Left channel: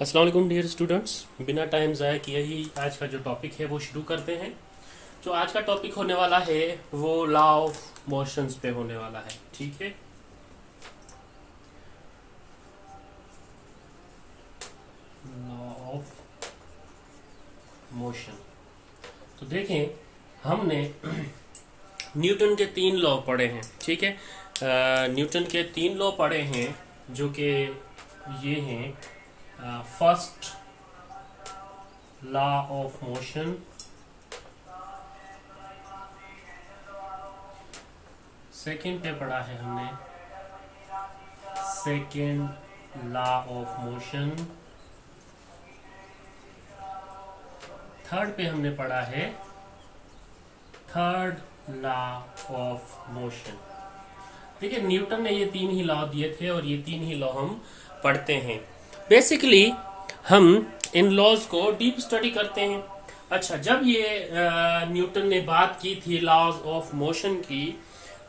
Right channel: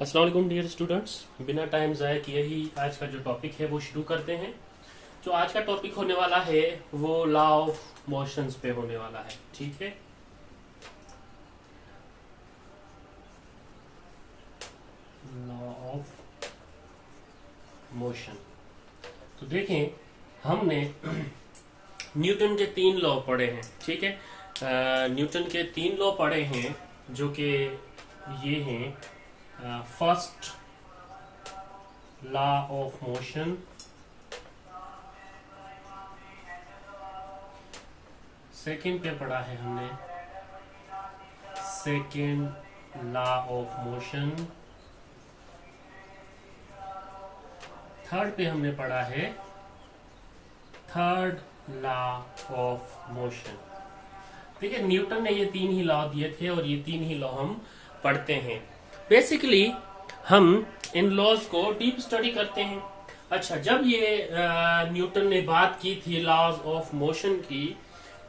अस्सलाम वालेकुम dear students. बिना टाइम ज़ाया किए ही आज का जो टॉपिक है वो शुरू करते हैं। जो आज का टॉपिक होने वाला है वो लॉ ऑफ मोशंस पे होने वाला है। ठीक है, लॉ ऑफ मोशन। तो देखें, हमने न्यूटन के 3 लॉ पढ़े हैं। ठीक है, न्यूटन के 3 लॉ पढ़े हैं जो कि ये हैं, first law of motion, second पे पढ़ा है हमने second law of motion, third पे हमने पढ़ा है थर्ड लॉ ऑफ मोशन। देखिए, न्यूटन ने ये 3 ही लॉ दिए थे और ये 3 ही लॉ हम पढ़ते हैं। बेसिकली हम इन लॉज को डीप स्टडी करते हैं। अच्छा, जब ये न्यूटन ने बात की थी लॉज ऑफ मोशन की,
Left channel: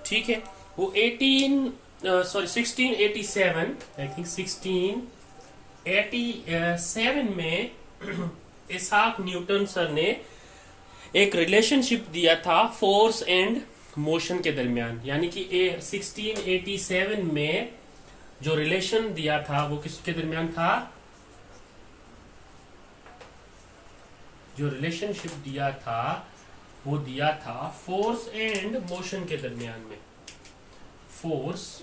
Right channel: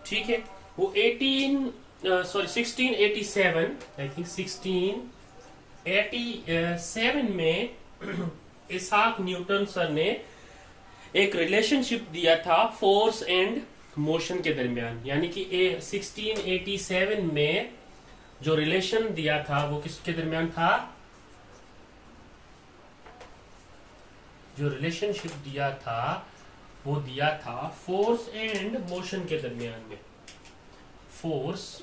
ठीक है, वो 1687, आई थिंक 1687 में इसाक न्यूटन सर ने एक रिलेशनशिप दिया था फोर्स एंड मोशन के दरमियान। यानी कि 1687 में जो रिलेशन दिया था वो किसके दरमियान था? जो रिलेशनशिप दिया था वो दिया था फोर्स एंड मोशन के दरमियान में। फोर्स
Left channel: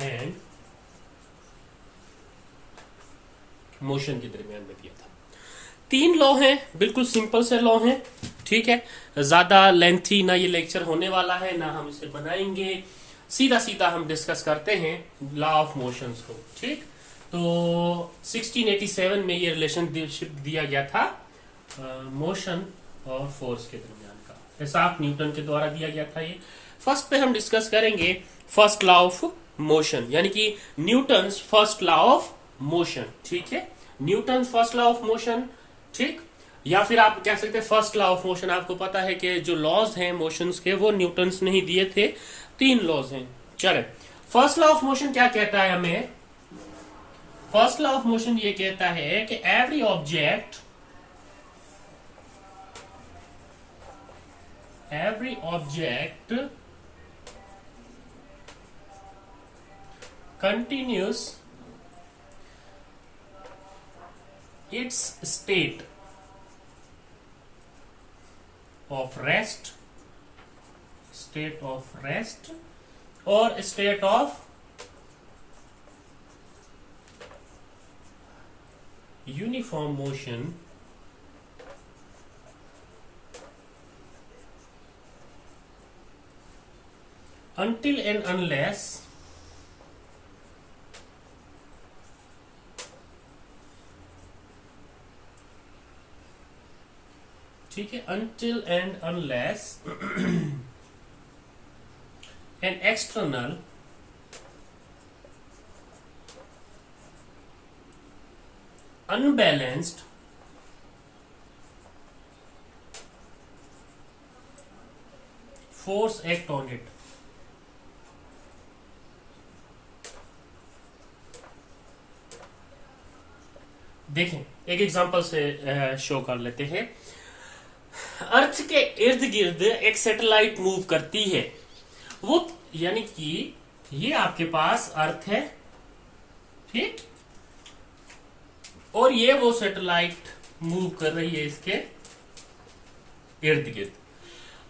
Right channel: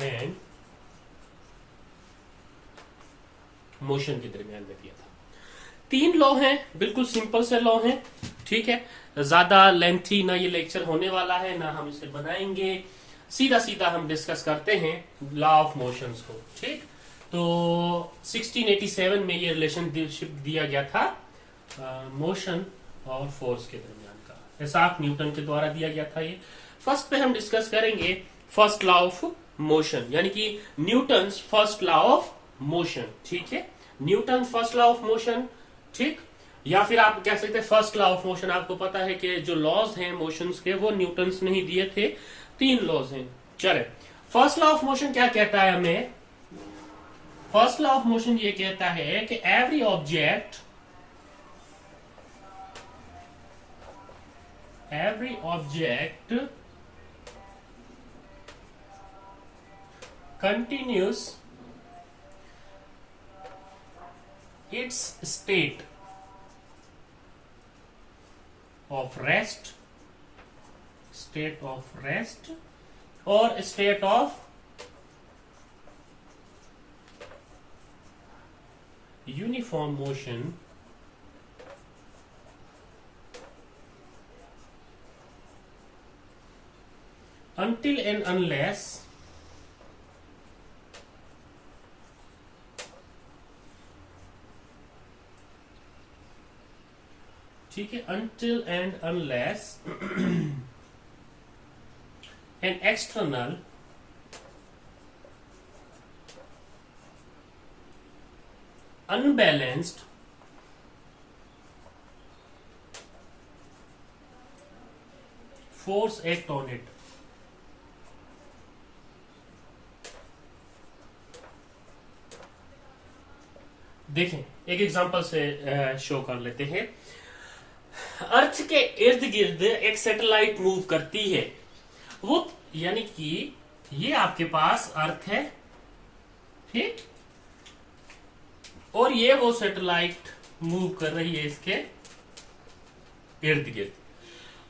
एंड मोशन के दरमियान में दिया था। 3 लॉ हैं, बिल्कुल सिंपल से लॉ हैं। ठीक है, ज्यादा लेंथी ना ये लेक्चर होने वाला है ना हम इसे बनाएंगे, सीधा सीधा हम डिस्कस करते हैं लॉ ऑफ मोशंस को। ठीक, तो 1687 में ये रिलेशनशिप दिया गया था मोशन और फोर्स के दरमियान का, इसाक न्यूटन के द्वारा दिया गया था ये। फर्स्ट पे हम डिस्कस करेंगे फर्स्ट लॉ ऑफ मोशन, यानी कि Newton first law of motion. ठीक है, Newton first law of motion. ठीक, या फिर आप कह सकते हैं फर्स्ट लॉ ऑफ मोशन। आपको पता है कि जो लॉज हैं मोशंस के वो न्यूटन ने ही दिए थे, 3 लॉज हैं। चले, फर्स्ट लॉ ऑफ मोशन क्या कहता है हमें? फर्स्ट लॉ ऑफ मोशन ये कहता है कि every object continues its state of rest or state of uniform motion until and unless ठीक है, until and unless an external unbalanced force act on it। देखें, एक एग्जांपल से शो कर लेते हैं। अर्थ के इर्द गिर्द एक सैटेलाइट मूव करती है, वो यानी कि ये आपके पास अर्थ है, ठीक, और ये वो सैटेलाइट मूव कर रही है इसके इर्द गिर्द।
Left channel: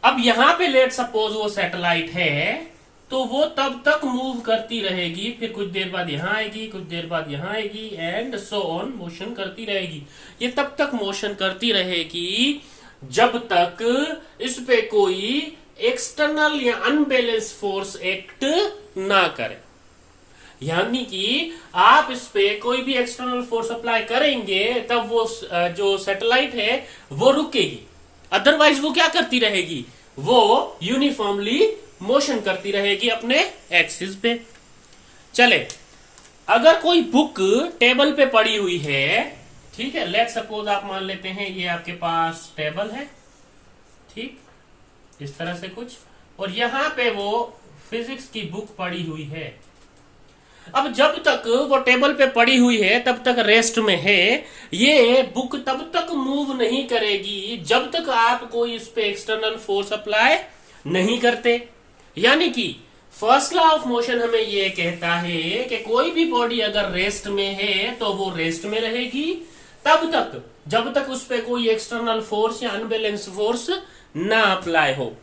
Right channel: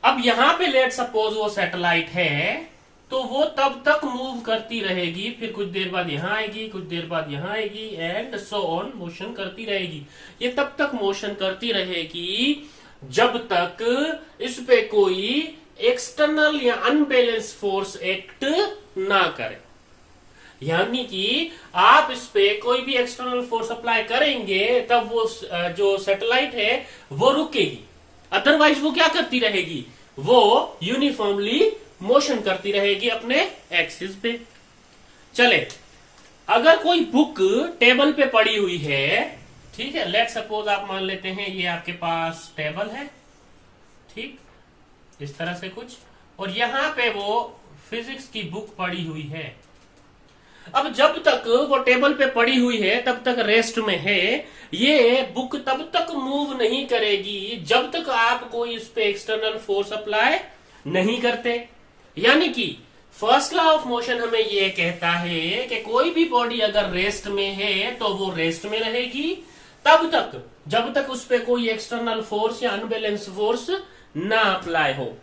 अब यहां पे लेट सपोज वो सैटेलाइट है, तो वो तब तक मूव करती रहेगी, फिर कुछ देर बाद यहां आएगी, कुछ देर बाद यहां आएगी, एंड सो ऑन, मोशन करती रहेगी। ये तब तक मोशन करती रहेगी जब तक इस पे कोई एक्सटर्नल या अनबैलेंस फोर्स एक्ट ना करे। यानी कि आप इस पे कोई भी एक्सटर्नल फोर्स अप्लाई करेंगे तब वो जो सैटेलाइट है वो रुकेगी, अदरवाइज वो क्या करती रहेगी? वो यूनिफॉर्मली मोशन करती रहेगी अपने एक्सिस पे। चले, अगर कोई बुक टेबल पे पड़ी हुई है, ठीक है, लेट सपोज आप मान लेते हैं ये आपके पास टेबल है, ठीक, इस तरह से कुछ, और यहां पे वो फिजिक्स की बुक पड़ी हुई है, अब जब तक वो टेबल पे पड़ी हुई है तब तक रेस्ट में है। ये बुक तब तक मूव नहीं करेगी जब तक आप कोई इस पे एक्सटर्नल फोर्स अप्लाई नहीं करते। यानी कि फर्स्ट लॉ ऑफ मोशन हमें ये कहता है कि कोई भी बॉडी अगर रेस्ट में है तो वो रेस्ट में रहेगी तब तक जब तक उस पर कोई एक्सटर्नल फोर्स या अनबैलेंस फोर्स ना अप्लाई हो।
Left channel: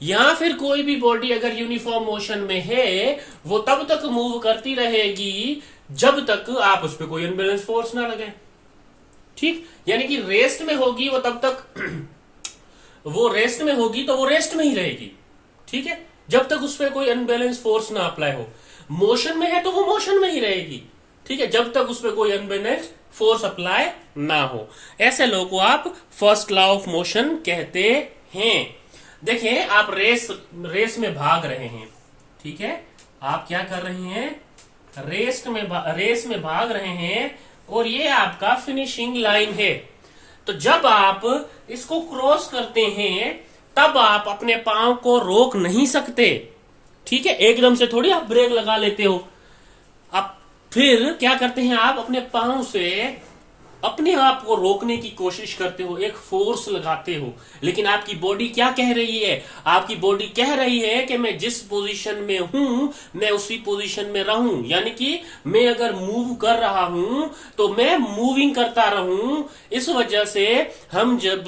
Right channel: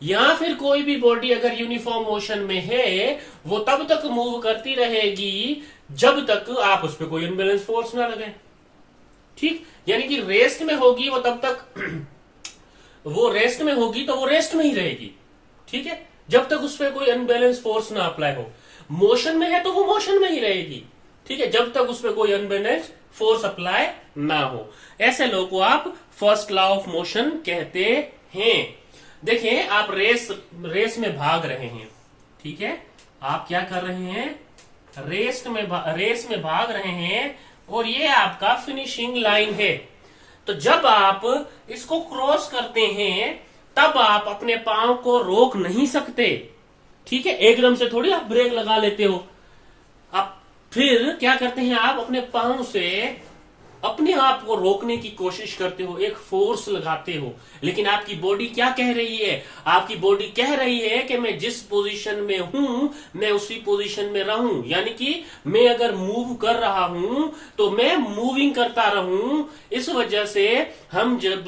या फिर कोई भी बॉडी अगर यूनिफॉर्म मोशन में है वो तब तक मूव करती रहेगी जब तक आप उस पर कोई अनबैलेंस फोर्स ना लगे। ठीक, यानी कि रेस्ट में होगी वो तब तक वो रेस्ट में होगी तो वो रेस्ट में ही रहेगी। ठीक है, जब तक उस पर कोई अनबैलेंस फोर्स ना अप्लाई हो। मोशन में है तो वो मोशन में ही रहेगी। ठीक है, जब तक उस पर कोई अनबैलेंस फोर्स अप्लाई ना हो। ऐसे लोग को आप फर्स्ट लॉ ऑफ मोशन कहते हैं। देखें, आप रेस में भाग रहे हैं। ठीक है, आप क्या कर रहे हैं, रेस में भाग रहे हैं और ये आपका फिनिशिंग लाइन है। तो जब आप इसको क्रॉस करते हैं तब आप अपने पांव को रोक नहीं सकते। ठीक है, एकदम से थोड़ी आप ब्रेक लगा लेते हो। आप फिर क्या करते हैं, आप अपने पांव से अपने आप को रोकने की कोशिश करते हो, एक फोर्स लगाते हो। लेकिन आपकी बॉडी क्या कह रही है, आपकी बॉडी कह रही है कि मैं जिस पोजीशन में हूं मैं उसी पोजीशन में रहूं। यानी कि मैं अगर मूव कर रहा हूं तो मैं मूविंग करता रहूं। इस वजह से हम जब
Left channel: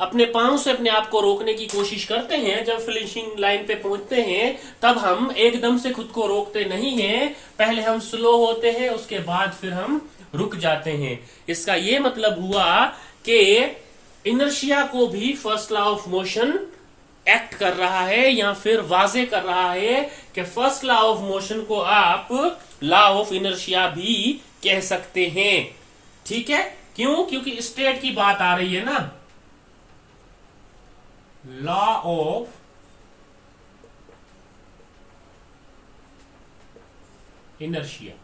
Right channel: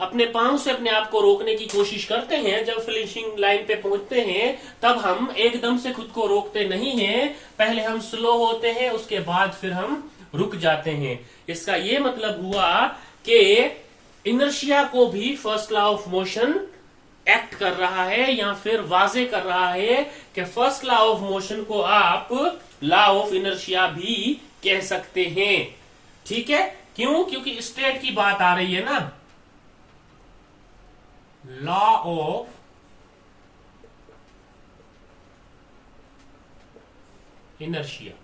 अपने पांव से अपने आप को रोकने की कोशिश करते हैं, जब फिनिशिंग लाइन पे पहुंचते हैं तब हम एकदम से खुद को रोकते नहीं हैं। पहले हम स्लो होते हैं, उसके बाद फिर हम रुक जाते हैं। इसका ये मतलब हुआ कि इनर्शिया को भी first law of motion act कर रहा है या फिर वाजे कर रहा है कि फर्स्ट लॉ ऑफ मोशन को आप लॉ ऑफ इनर्शिया भी कह सकते हैं। ठीक है, क्यों, क्योंकि स्टेट की बात आ रही है ना। Law of inertia.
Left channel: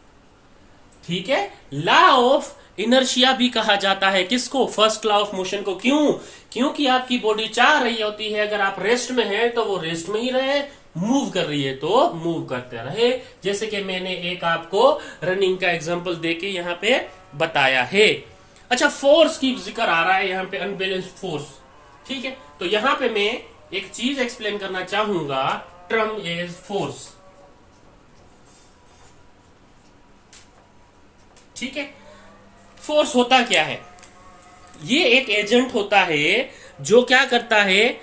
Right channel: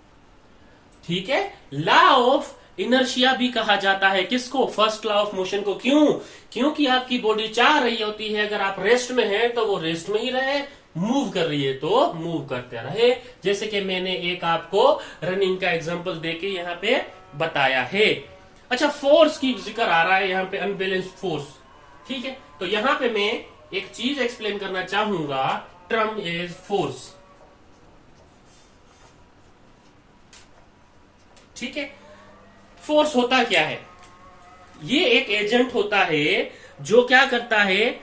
ठीक है, लॉ ऑफ इनर्शिया भी कहा जाता है किसको, फर्स्ट लॉ ऑफ मोशन को। क्यों, क्योंकि आपकी बॉडी चाह रही होती है अगर आप रेस्ट में हैं तो वो रेस्ट में ही रहे, मूव कर रही है तो मूव करते रहे। जैसे कि मैंने एक आपको रनिंग का एग्जांपल देके यहाँ पे बताया है। अच्छा, फोर्स की जिक्र आ रहा है यहाँ पे, अनबैलेंस फोर्स। ठीक है, तो यहाँ पे मैं एक चीज एक्सप्लेन करना चाहूंगा, टर्म इज फोर्स। ठीक है, फोर्स होता क्या है, ये एक एजेंट होता है जो क्या करता है,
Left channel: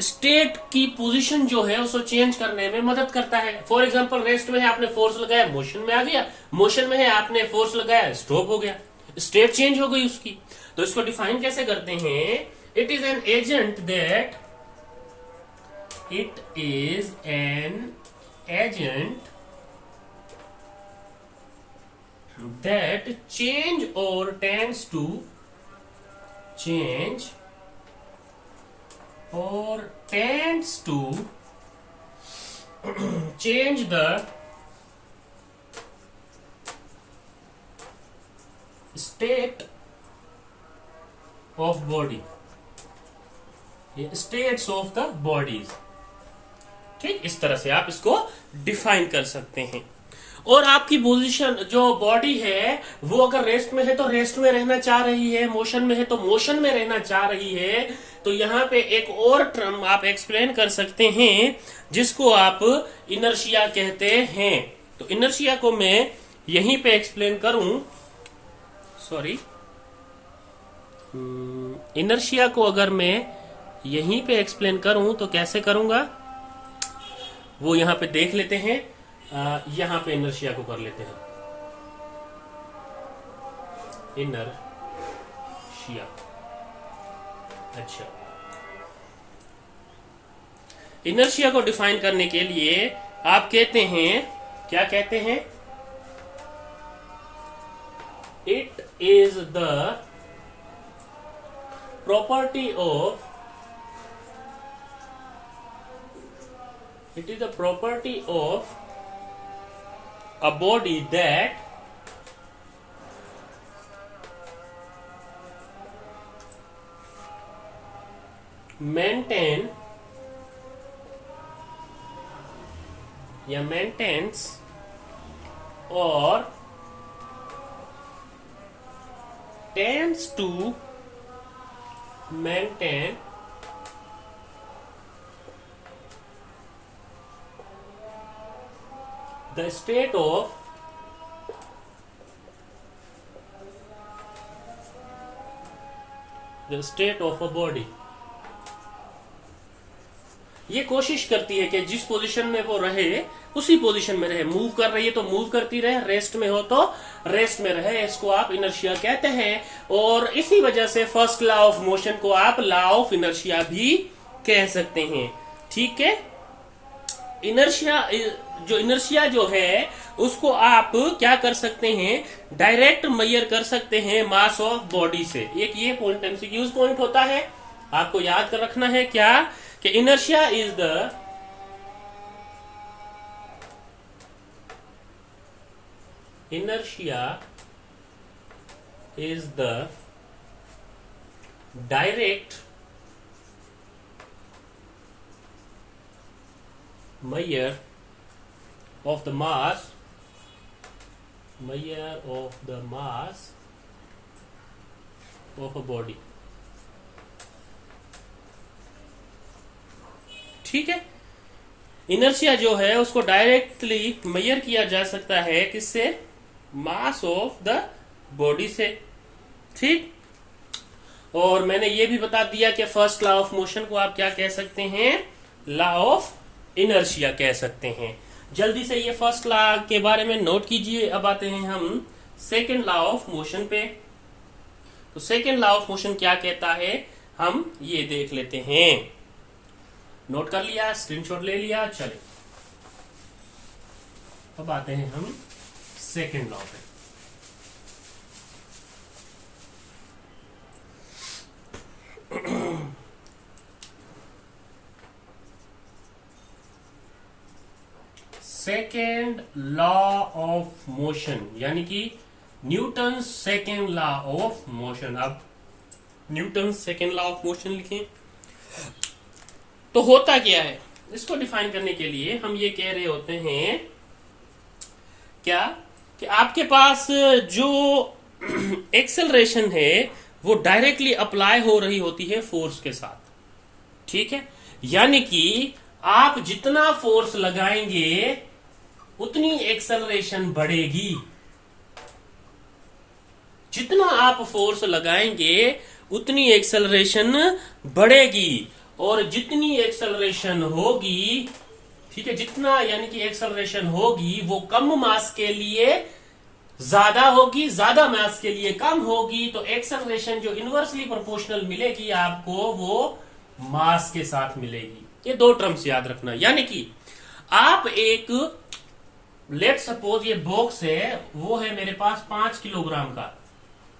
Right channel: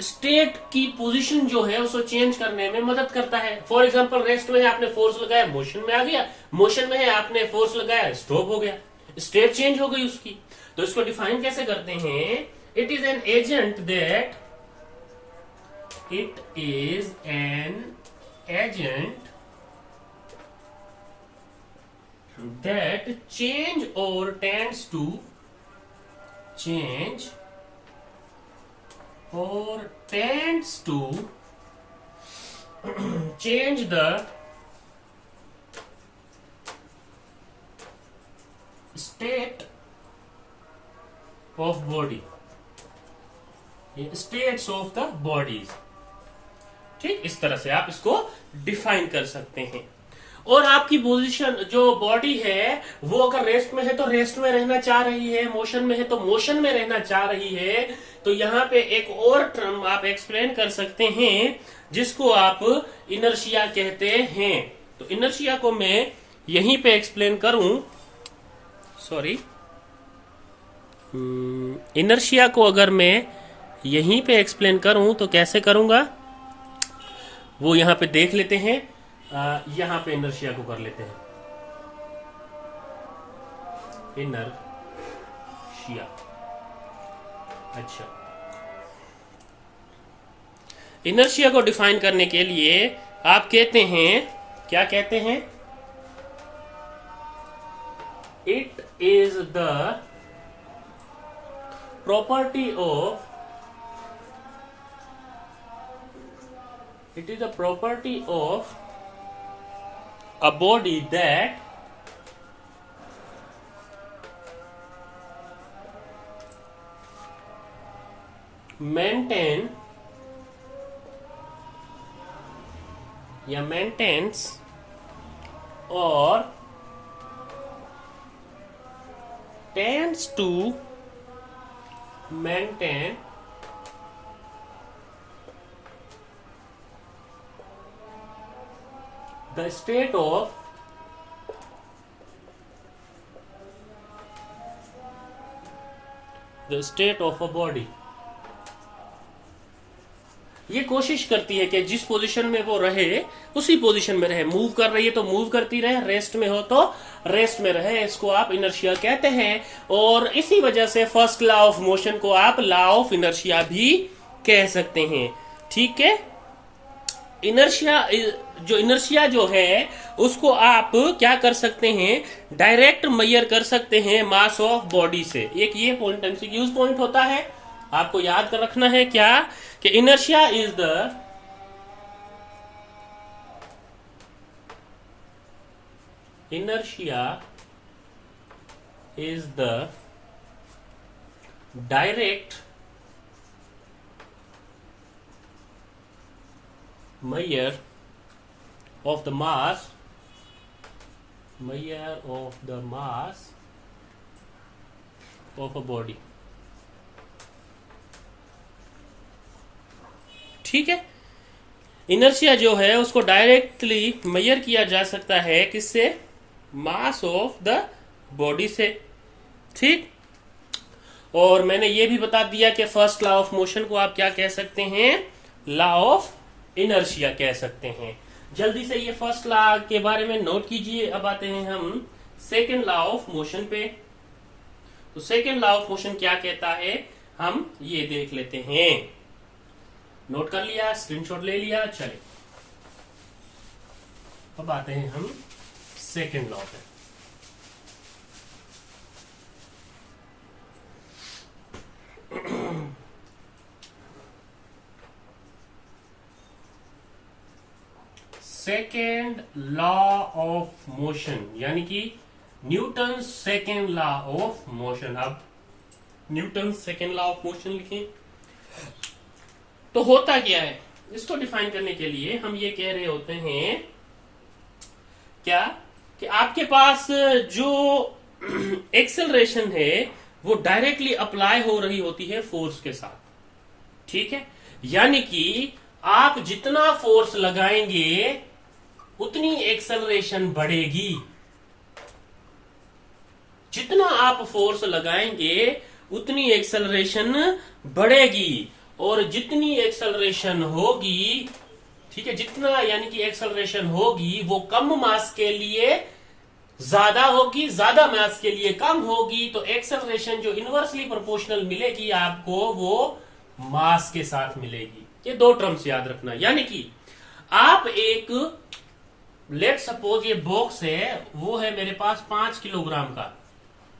स्टेट की पोजीशन जो है उसको चेंज करने में मदद करता है। फॉर एग्जांपल, रेस्ट में है आपने फोर्स लगाया, मोशन में आ गया। मोशन में है आपने फोर्स लगाया, स्टॉप हो गया, स्टेट चेंज हो गई उसकी। तो इसको डिफाइन कैसे करते हैं, it is an agent that that change or tends to change or tends to change the state of body, the states of the bodies। ठीक, इस तरह से आप इसको डिफाइन कर सकते हैं। और आपकी पोजीशन जो बॉडी है वो अगर रेस्ट में है तो रेस्ट में रहना चाह रही है, मोशन में है तो मोशन में रहना चाह रही है। तो यहाँ पे एक और टर्म आप एक्सप्लेन कर सकते हैं जिसको आप इनर्शिया कहते हैं। तो इनर्शिया को मैं यहीं पे एक्सप्लेन करूं, सॉरी, इनर्शिया को अगर मैं यहीं पे एक्सप्लेन करूं तो कैसे करूंगा वो यहाँ पे देख लेते हैं। यहां पे इनर्शिया को कर लेते हैं, इनर्शिया। अच्छा, इनर्शिया को डिफाइन करने के लिए आप कहते हैं, क्या कहते हैं, it is the property of, it is the property of a body that maintains or tends to maintain the state of a body। ये कोशिश करती है कि जिस पोजीशन में वो रहे उसी पोजीशन में रहे। मूव कर रही है तो मूव करती रहे, रेस्ट में हो तो रेस्ट में रहे। इसको आप इनर्शिया कहते हैं। और इसी वजह से फर्स्ट लॉ ऑफ मोशन को आप लॉ ऑफ इनर्शिया भी कह सकते हैं। ठीक है, इनर्शिया जो है उसको आप क्या कर सकते हैं, डायरेक्ट मेजर कर सकते हैं मास ऑफ बॉडी से। एक ये पॉइंट एमसीक्यूज पॉइंट होता है, आपको याद कर रखना है क्या कि inertia is the direct measure of the mass of a body। ठीक है, इनर्शिया जो है उसको डायरेक्टली मेजर किया जा सकता है किससे, मास ऑफ द बॉडी से। ठीक, और मैंने ये भी बता दिया कि फर्स्ट लॉ ऑफ मोशन को आप क्या कह सकते हैं, लॉ ऑफ इनर्शिया कह सकते हैं। जल्दी से ये फर्स्ट लॉ के बारे में नोट कीजिए। अब आते हैं हम सेकेंड लॉ ऑफ मोशन पे। तो सेकेंड लॉ ऑफ मोशन क्या कहता है, हम ये देख लेते हैं। नोट कर लिया, स्क्रीनशॉट ले लिया, चले अब आते हैं हम सेकेंड लॉ पे। सेकेंड लॉ ऑफ मोशन यानी कि Newton second law of motion. अब Newton second law of motion लिखें तो होता क्या है, इसको डिफाइन करने के लिए हम ये कह रहे होते हैं क्या कि आपके पास जो एक्सेलरेशन है वो डायरेक्टली अप्लाई हो रही होती है फोर्स के साथ। ठीक है, यानी कि आप जितना फोर्स लगाएंगे उतनी एक्सेलरेशन बढ़ेगी। जितना आप फोर्स लगाएंगे उतनी एक्सेलरेशन बढ़ेगी, और जितनी एक्सेलरेशन होगी, ठीक है, जितना यानी कि एक्सेलरेशन होगी वो कम मास के लिए ज्यादा होगी, ज्यादा मास के लिए कम होगी। तो एक्सेलरेशन जो इनवर्सली प्रोपोर्शनल मिलेगी आपको वो मास के साथ मिलेगी। ये दो टर्म्स याद रखना। यानी कि आप एक लेट सपोज ये बॉक्स है, वो है मेरे पास 5 किलोग्राम का,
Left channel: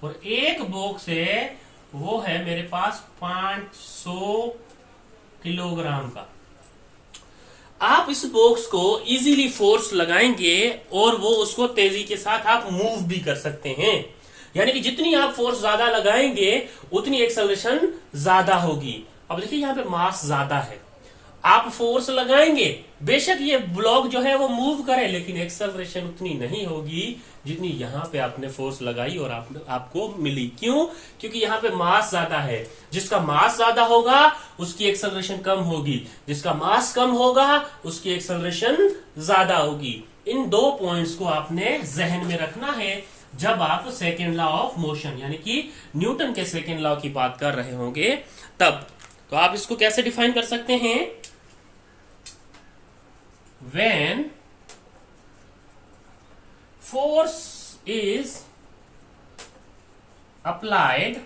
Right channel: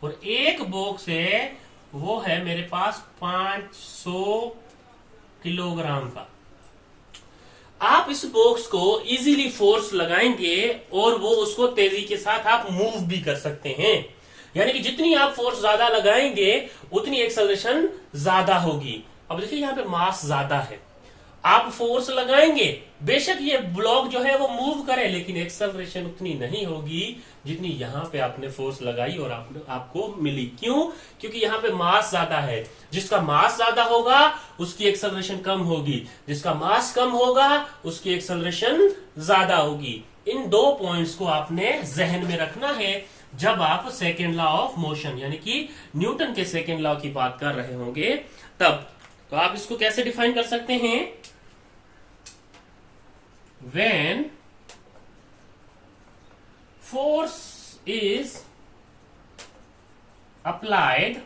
और एक बॉक्स है वो है मेरे पास 500 किलोग्राम का। आप इस बॉक्स को इजीली फोर्स लगाएंगे और वो उसको तेजी के साथ आप मूव भी कर सकते हैं। यानी कि जितनी आप फोर्स ज्यादा लगाएंगे उतनी एक्सेलरेशन ज्यादा होगी। अब देखिए यहाँ पे मास ज्यादा है, आप फोर्स लगाएंगे, बेशक ये ब्लॉक जो है वो मूव करे, लेकिन एक्सेलरेशन उतनी नहीं होगी जितनी यहाँ पे आपने फोर्स लगाई और आपको मिली। क्यों? क्योंकि यहाँ पे मास ज्यादा है। जिसका मास ज्यादा होगा उसकी एक्सेलरेशन कम होगी, जिसका मास कम होगा उसकी एक्सेलरेशन ज्यादा होगी। इन दो पॉइंट्स को आपने जहन में रखना है जब आप सेकेंड लॉ ऑफ मोशन यानी कि न्यूटन के सेकेंड लॉ की बात कर रहे होंगे तब। तो आप इसको कैसे डिफाइन कर सकते हैं, when force is applied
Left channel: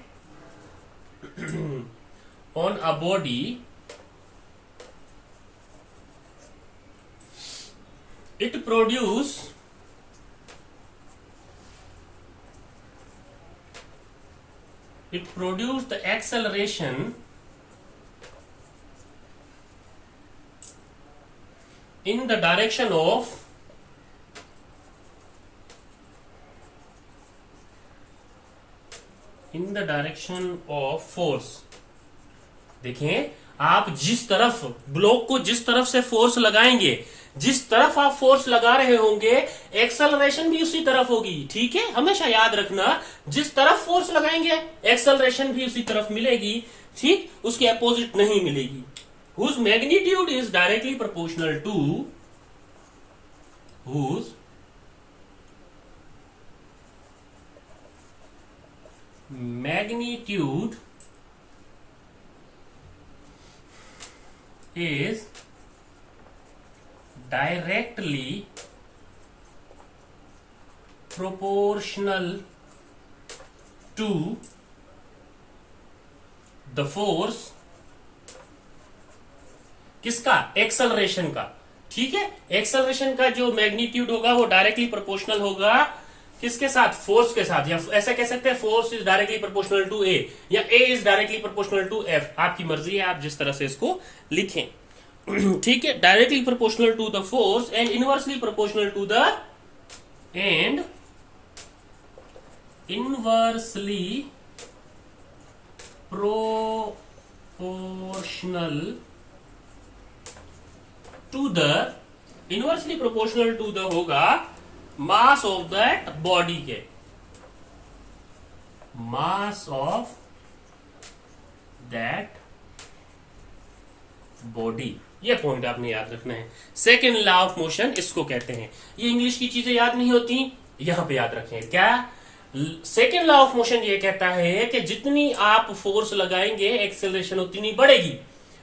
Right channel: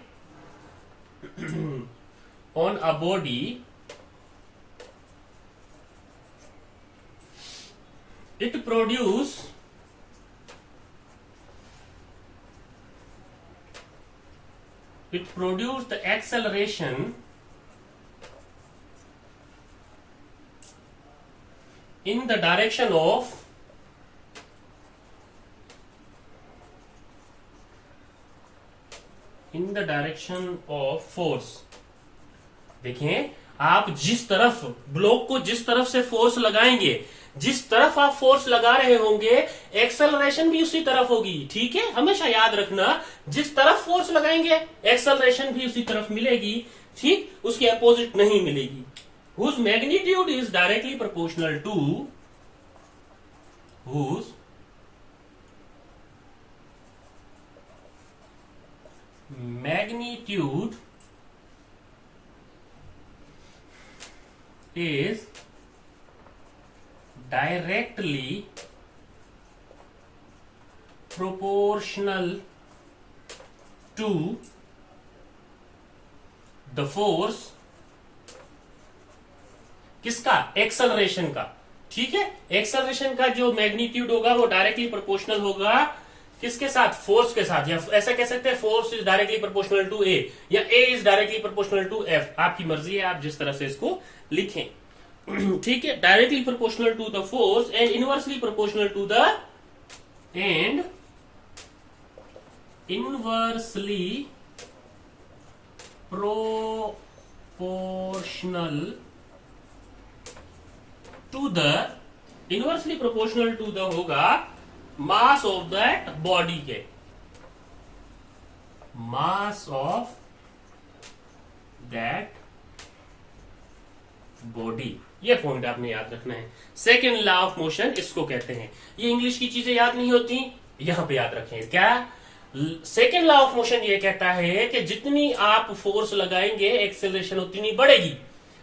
on a body, it produce the acceleration in the direction of force। देखें, आप जिस तरफ ब्लॉक को जिस तरफ से फोर्स लगाएंगे, जिस तरफ आप फोर्स लगा रहे होंगे एक्सेलरेशन भी उसी तरफ होगी। ठीक है, हमेशा याद रखना, जिस तरफ फोर्स लगाएंगे एक्सेलरेशन भी उसी तरफ मिलेगी। ठीक, उसके अपोजिट नहीं मिलेगी। whose magnitude is directly proportional to whose magnitude is directly proportional to the force, किसका? एक्सेलरेशन का। ठीक है, एक्सेलरेशन का जो मैग्नीट्यूड होगा वो डायरेक्टली प्रोपोर्शनल होगा किसके साथ? फोर्स के साथ। या ऐसा कह सकते हैं force is directly proportional to a, या a is directly proportional to f. आपकी मर्जी है, आप जिस तरह से इसको लिखें। ठीक है, directly proportional to the force and inversely proportional to the inversely proportional to the inversely proportional to the होगा मास ऑफ दैट बॉडी के, मास ऑफ दैट बॉडी। ये पॉइंट आपने याद रखना है। सेकेंड लॉ ऑफ मोशन इसको कहते हैं। ये इंग्लिश की चीजें याद नहीं होती, यहां पे याद रखें। क्या सेकेंड लॉ ऑफ मोशन ये कहता है कि जितनी आप फोर्स लगाएंगे एक्सेलरेशन उतनी बढ़ेगी।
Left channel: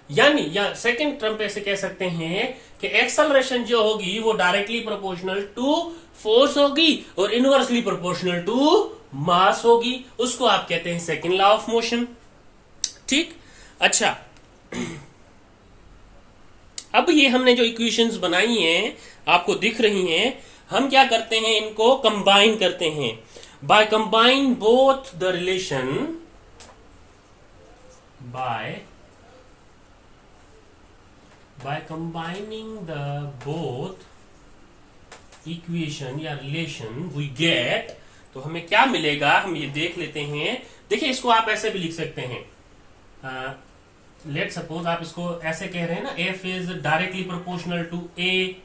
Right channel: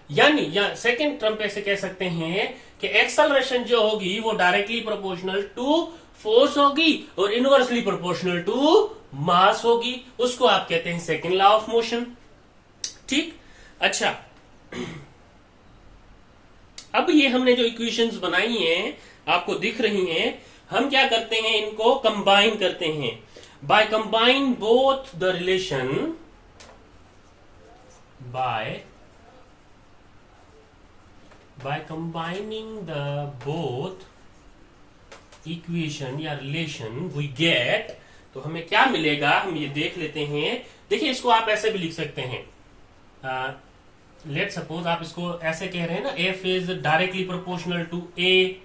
यानी या सेकेंड टर्म पे ऐसे कह सकते हैं कि एक्सेलरेशन जो होगी वो डायरेक्टली प्रोपोर्शनल टू फोर्स होगी और इनवर्सली प्रोपोर्शनल टू मास होगी। उसको आप कहते हैं सेकेंड लॉ ऑफ मोशन। ठीक, अच्छा, अब ये हमने जो इक्वेशंस बनाई हैं आपको दिख रही हैं, हम क्या करते हैं, इनको कंबाइन करते हैं। By combine both the relation, by combining the both equation या relation we get, तो हमें क्या मिलेगा हम ये देख लेते हैं। देखिए, इसको आप ऐसे भी लिख सकते हैं। लेट सपोज आप इसको ऐसे कह रहे हैं ना, f is directly proportional to a.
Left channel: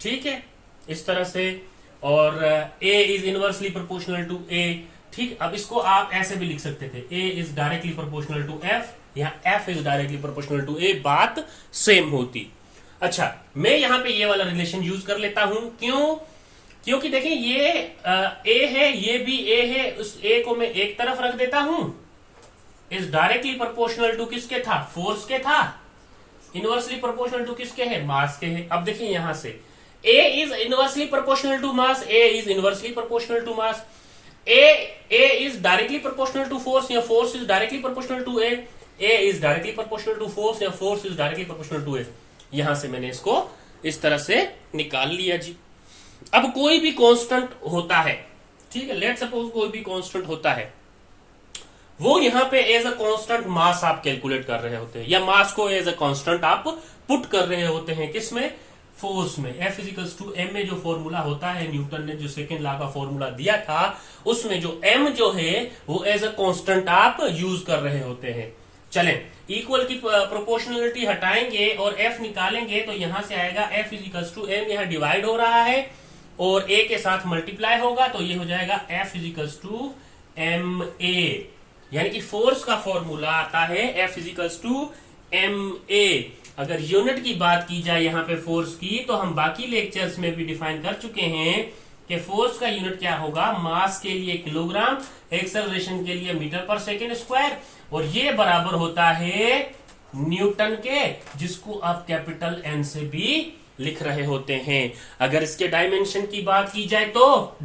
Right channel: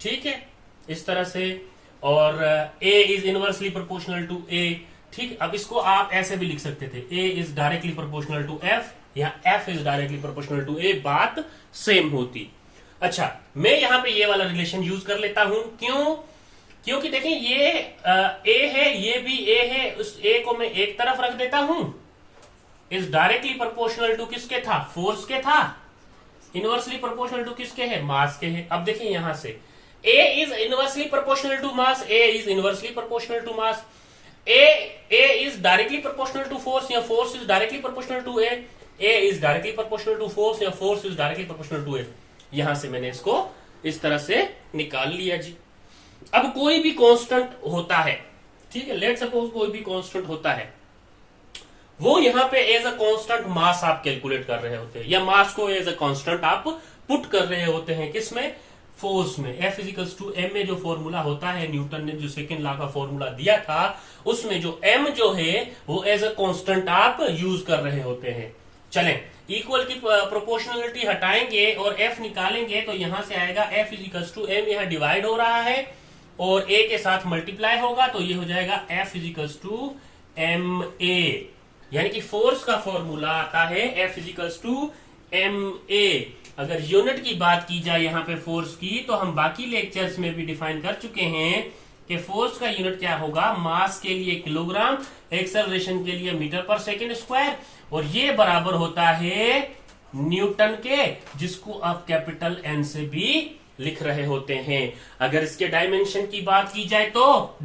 ठीक है, इस तरह से, और a is inversely proportional to a. ठीक, अब इसको आप ऐसे भी लिख सकते थे, a is directly proportional to f या f is directly proportional to a, बात सेम होती। अच्छा, मैं यहां पे ये वाला रिलेशन यूज कर लेता हूं। क्यों? क्योंकि देखें, ये ए है, ये भी ए है, उस ए को मैं एक तरफ रख देता हूं। इज डायरेक्टली प्रोपोर्शनल टू किसके था? फोर्स के था। इनवर्सली प्रोपोर्शनल टू किसके है? मास के है। अब देखिए यहां से, a is inversely proportional to mass, a is inversely proportional to mass, a is directly proportional to force या force is directly proportional to a, a is directly proportional to force या force is directly proportional to a. यहां से मैंने इसको इस तरह से निकाल लिया जी। अब कोई भी कांस्टेंट होता है, ठीक है, लेट सपोज कोई भी कांस्टेंट होता है, वो यहां पे एज अ कांस्टेंट मास आप कैलकुलेट कर रहे होते हैं, या मास को एज अ कांस्टेंट आप पुट कर रहे होते हैं। किसमें? फोर्स में। F इजिकल्स टू एम में जो फॉर्मूला होता है, न्यूटन ने जो सेकेंड लॉ का फॉर्मूला दिया था, उसमें जो m जो है वो एज अ कांस्टेंट आप यूज कर रहे होते हैं। चलें, इक्वल की प्रोपोर्शनलिटी हटाएंगे और f निकालेंगे, तो यहां से आएगा F इजिकल्स टू एम, यहां डिवाइड हो रहा है और a के साथ मल्टीप्लाई होगा, तो ये हो जाएगा F equals to M A. यानी कि फोर्स का फॉर्मूला आता है F equals to M A. अगर यूनिट की बात की जाए यहाँ पे फोर्स की, तो हम बाकी लेक्चर्स में भी डिफाइन कर चुके हैं कि फोर्स का यूनिट क्या होगा, मास के लिए किलोग्राम, एक्सेलरेशन के लिए मीटर पर सेकेंड स्क्वायर, और ये बराबर होता है न्यूटन के, जिसको आप कैपिटल एन से भी लिख रहे होते हैं। अगर इसके डायमेंशन की बात की जाए तो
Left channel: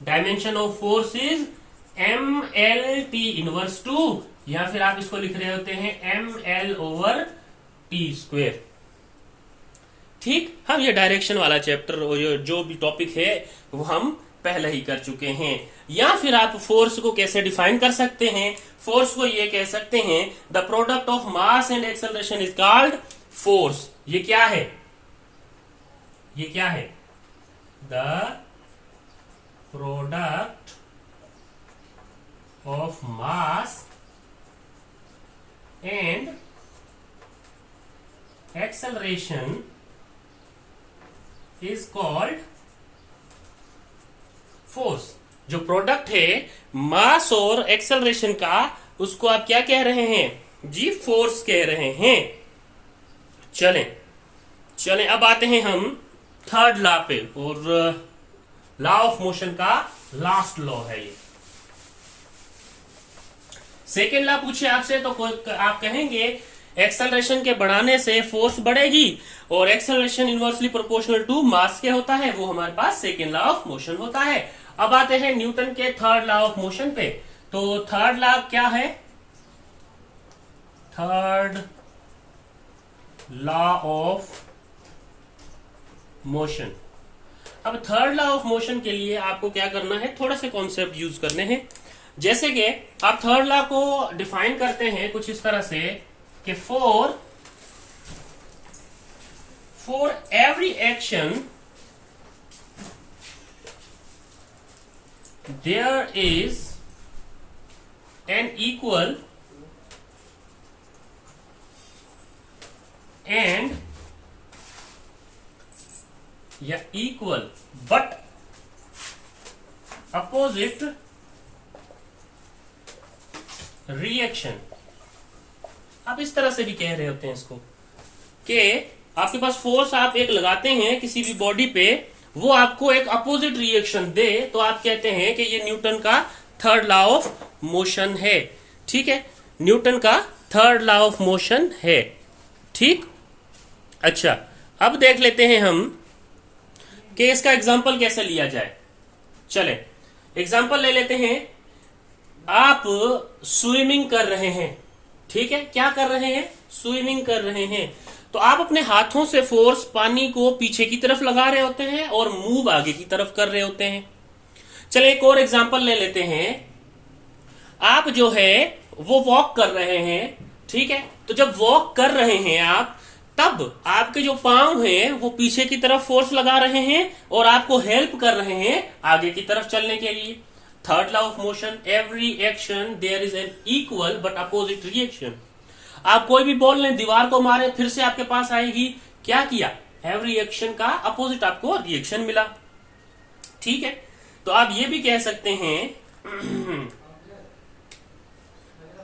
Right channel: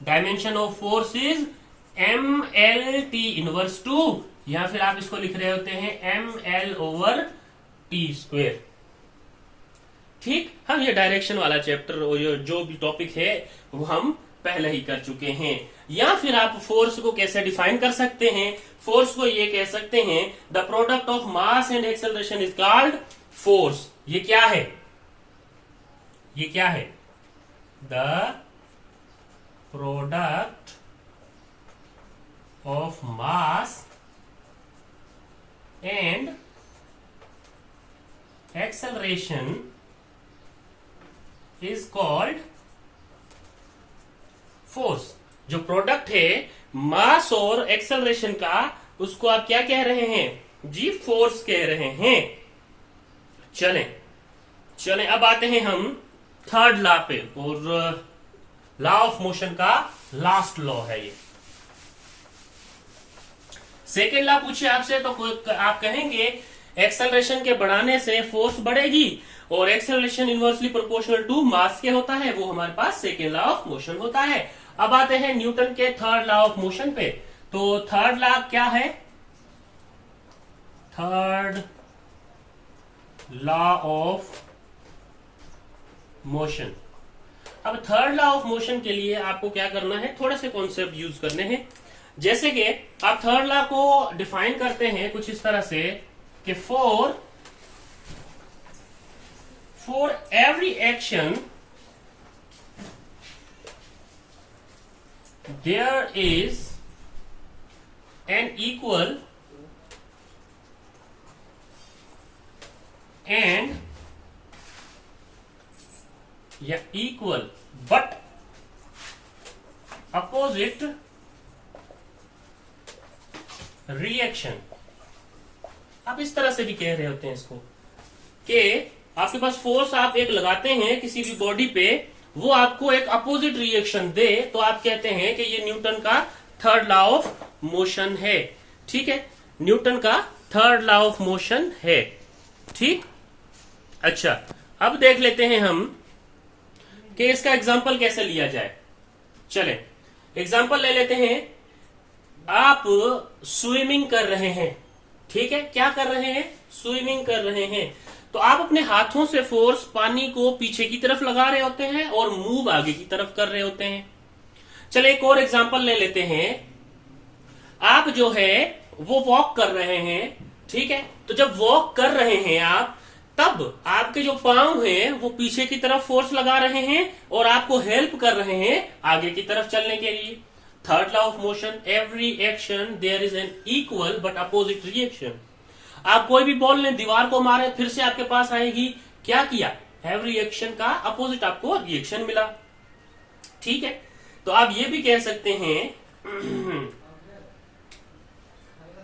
dimension of force is M L T inverse two, या फिर आप इसको लिख रहे होते हैं M L over T square. ठीक, हम ये डायरेक्शन वाला चैप्टर जो भी टॉपिक है वो हम पहले ही कर चुके हैं। या फिर आप फोर्स को कैसे डिफाइन कर सकते हैं? फोर्स को ये कह सकते हैं, the product of mass and acceleration is called force. ये क्या है? ये क्या है? The product of mass and acceleration is called force. जो प्रोडक्ट है मास और एक्सेलरेशन का, उसको आप क्या कह रहे हैं जी? फोर्स कह रहे हैं। चलें अब आते हैं हम थर्ड लॉ पे, और लॉ ऑफ मोशन का लास्ट लॉ है ये। सेकेंड लॉ पूछे आपसे तो आप कहेंगे एक्सेलरेशन के बढ़ाने से फोर्स बढ़ेगी, और acceleration inversely proportional to mass के होता है, वो हमारे पास सेकेंड लॉ ऑफ मोशन होता है। अब आते हैं न्यूटन के थर्ड लॉ ऑफ मोशन पे। तो थर्ड लॉ क्या है? Third law of motion. अब थर्ड लॉ ऑफ मोशन के लिए आपको क्या करना है, थोड़े से कॉन्सेप्ट यूज करने हैं। जैसे कि आप थर्ड लॉ को डिफाइन करते हैं कुछ इस तरह से कि for every action there is an equal and या इक्वल बट अपोजिट रिएक्शन। आप इस तरह से भी कह रहे होते हैं इसको कि आपके पास फोर्स आप एक लगाते हैं किसी भी बॉडी पे, वो आपको एक अपोजिट रिएक्शन दे, तो आप कहते हैं कि ये न्यूटन का थर्ड लॉ ऑफ मोशन है। ठीक है, न्यूटन का थर्ड लॉ ऑफ मोशन है। ठीक, अच्छा अब देख लेते हैं हम कि इसका एग्जाम्पल कैसे लिया जाए। चले एग्जाम्पल ले लेते हैं। आप स्विमिंग कर रहे हैं, ठीक है, क्या कर रहे हैं? स्विमिंग कर रहे हैं। तो आप अपने हाथों से फोर्स पानी को पीछे की तरफ लगा रहे होते हैं और मूव आगे की तरफ कर रहे होते हैं। चले एक और एग्जाम्पल ले लेते हैं। आप जो है वो वॉक कर रहे हैं, ठीक है। तो जब वॉक कर रहे हैं आप, तब आपके जो पांव हैं वो पीछे की तरफ फोर्स लगा रहे हैं और आपको हेल्प कर रहे हैं आगे की तरफ चलने के लिए। Third law of motion, every action there is an equal but opposite reaction. आप कोई भी बॉल लें, दीवार को मारे, फिर से आपके पास आएगी। क्या किया? एवरी एक्शन का अपोजिट आपको रिएक्शन मिला। ठीक है, तो आप ये भी कह सकते हैं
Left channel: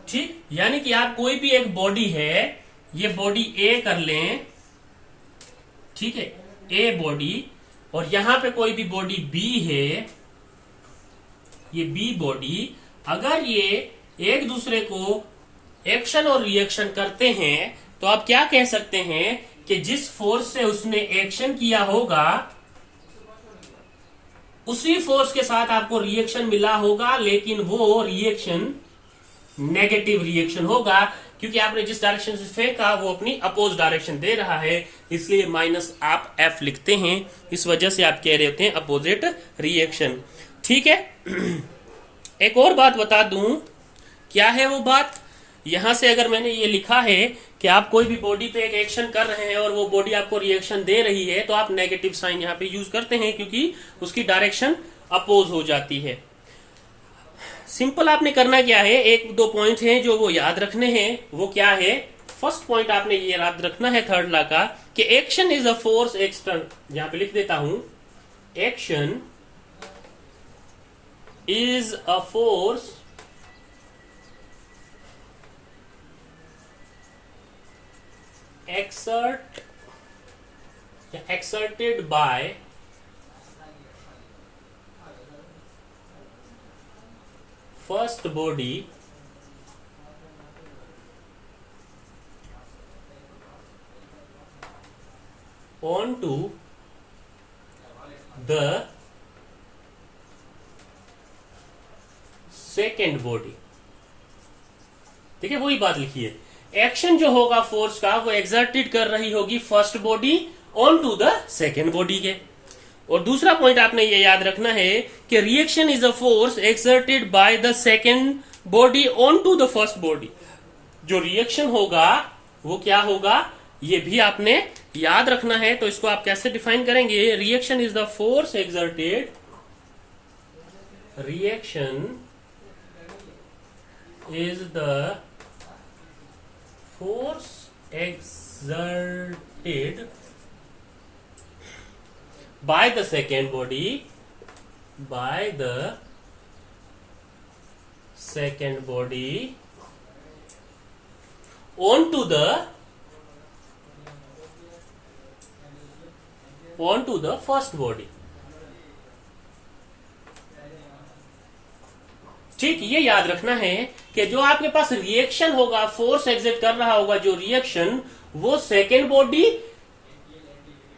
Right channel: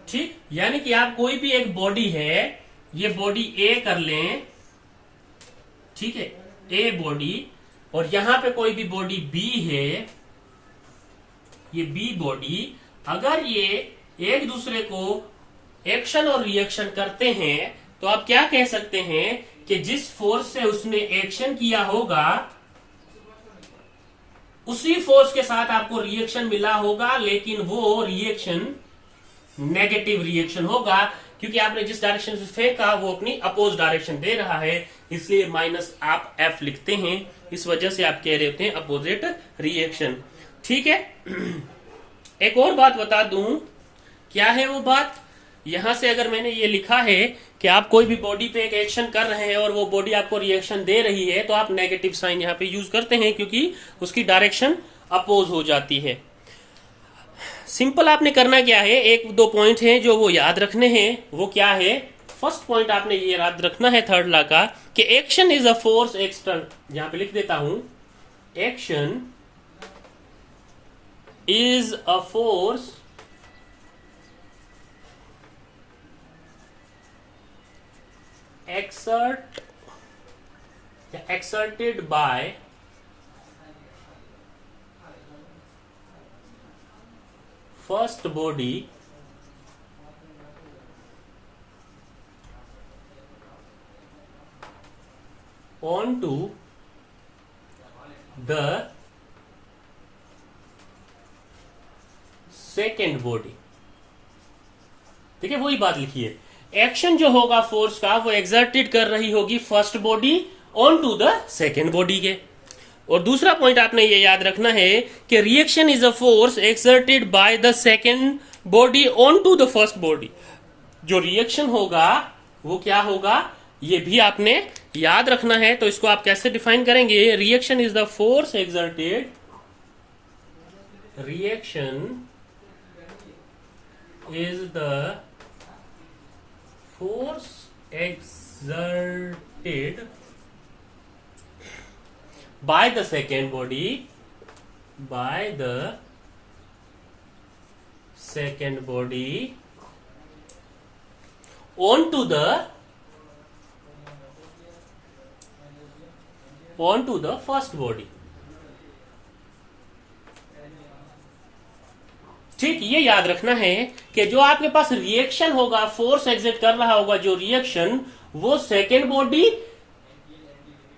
ठीक, यानी कि आप कोई भी एक बॉडी है, ये बॉडी ए कर लें, ठीक है, ए बॉडी, और यहां पे कोई भी बॉडी बी है, ये बी बॉडी। अगर ये एक दूसरे को एक्शन और रिएक्शन करते हैं, तो आप क्या कह सकते हैं कि जिस फोर्स से उसने एक्शन किया होगा, उसी फोर्स के साथ आपको रिएक्शन मिला होगा, लेकिन वो रिएक्शन नेगेटिव रिएक्शन होगा, क्योंकि आपने जिस डायरेक्शन से फेंका वो अपनी अपोज डायरेक्शन दे रहा है, इसलिए माइनस आप एफ लिखते हैं। इस वजह से आप कह रहे होते हैं अपोजिट रिएक्शन। ठीक है, एक और बात बता दूं, क्या है वो बात? यहां से अगर मैंने ये लिखा है कि आप कोई भी बॉडी पे एक एक्शन कर रहे हैं और वो बॉडी आपको रिएक्शन दे रही है, तो आप नेगेटिव साइन यहां पे यूज करते हैं, क्योंकि उसकी डायरेक्शन अपोज हो जाती है। सिंपल आपने करना क्या है, एक दो पॉइंट हैं जो वो याद रखने हैं। वो क्या है? फर्स्ट पॉइंट आपने ये याद रखना है थर्ड लॉ का, कि action is a force external. यहां पे लिख देता हूं, action is a force exerted by first body onto the second body। देखिए वही बात लिखी है, एक्शन जो होगा फोर्स का वो एक्सर्टेड कर रही होगी first body on to the second body के। और दूसरा पॉइंट आपने ये याद रखना है कि reaction is a force exerted by the second body on to the first body. जो रिएक्शन होगा वो क्या होगा, ये भी आपने याद रखना है। तो इसको आप कैसे डिफाइन करेंगे? Reaction is the force exerted, reaction is the force exerted exerted by the second body onto the first body। ठीक, ये याद रखना है कि जो आपके पास रिएक्शन होगा, फोर्स एग्जिट कर रहा होगा जो रिएक्शन, वो सेकेंड बॉडी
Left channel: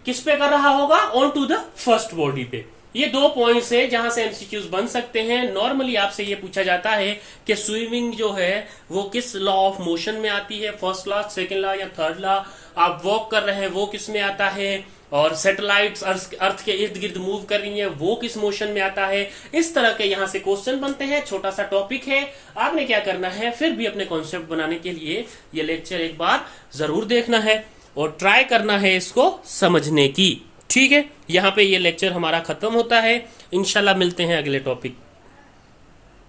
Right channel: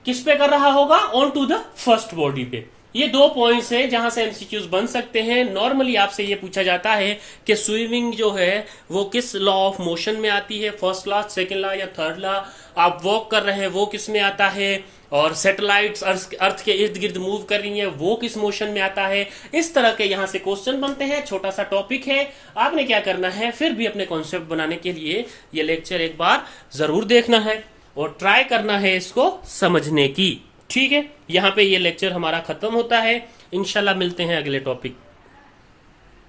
किस पे कर रहा होगा, on to the first body पे। ये दो पॉइंट्स है जहां से एमसीक्यूज बन सकते हैं। नॉर्मली आपसे ये पूछा जाता है कि स्विमिंग जो है वो किस लॉ ऑफ मोशन में आती है, फर्स्ट लॉ, सेकेंड लॉ या थर्ड लॉ। आप वॉक कर रहे हैं वो किस में आता है, और सैटेलाइट्स अर्थ के इर्द गिर्द मूव कर रही हैं वो किस मोशन में आता है। इस तरह के यहां से क्वेश्चन बनते हैं। छोटा सा टॉपिक है, आपने क्या करना है, फिर भी अपने कॉन्सेप्ट बनाने के लिए ये लेक्चर एक बार जरूर देखना है और ट्राई करना है इसको समझने की। ठीक है, यहां पे ये लेक्चर हमारा खत्म होता है। इंशाल्लाह मिलते हैं अगले टॉपिक।